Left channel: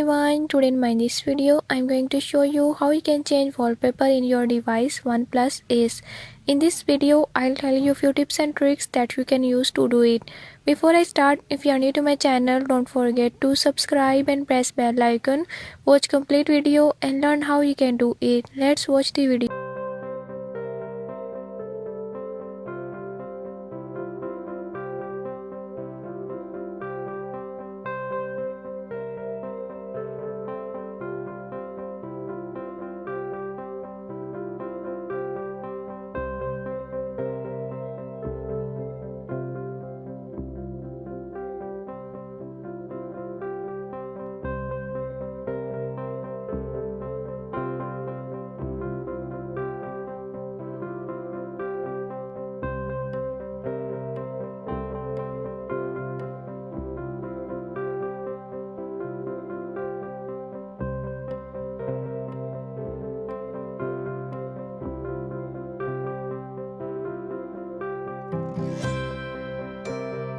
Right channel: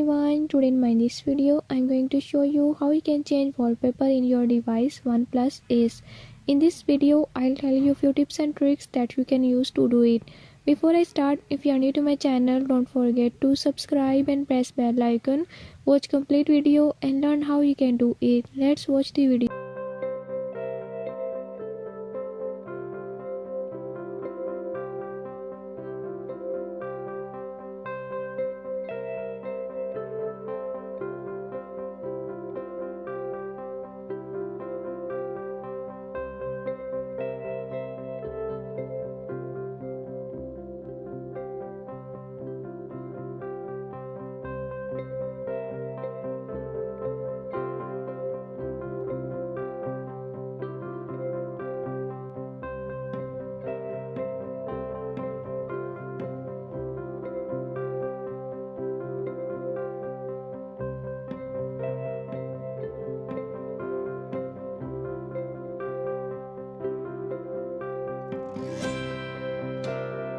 everyone, today in my this video I'm going to show you how you can change wallpaper in your device Oneplus Ace. In this video I'll tell you a few tips and tricks that you can use to do it. Before I start, if you are new to my channel, don't forget to subscribe and press bell icon. Watch complete video and learn how you can do it. Let's watch the video.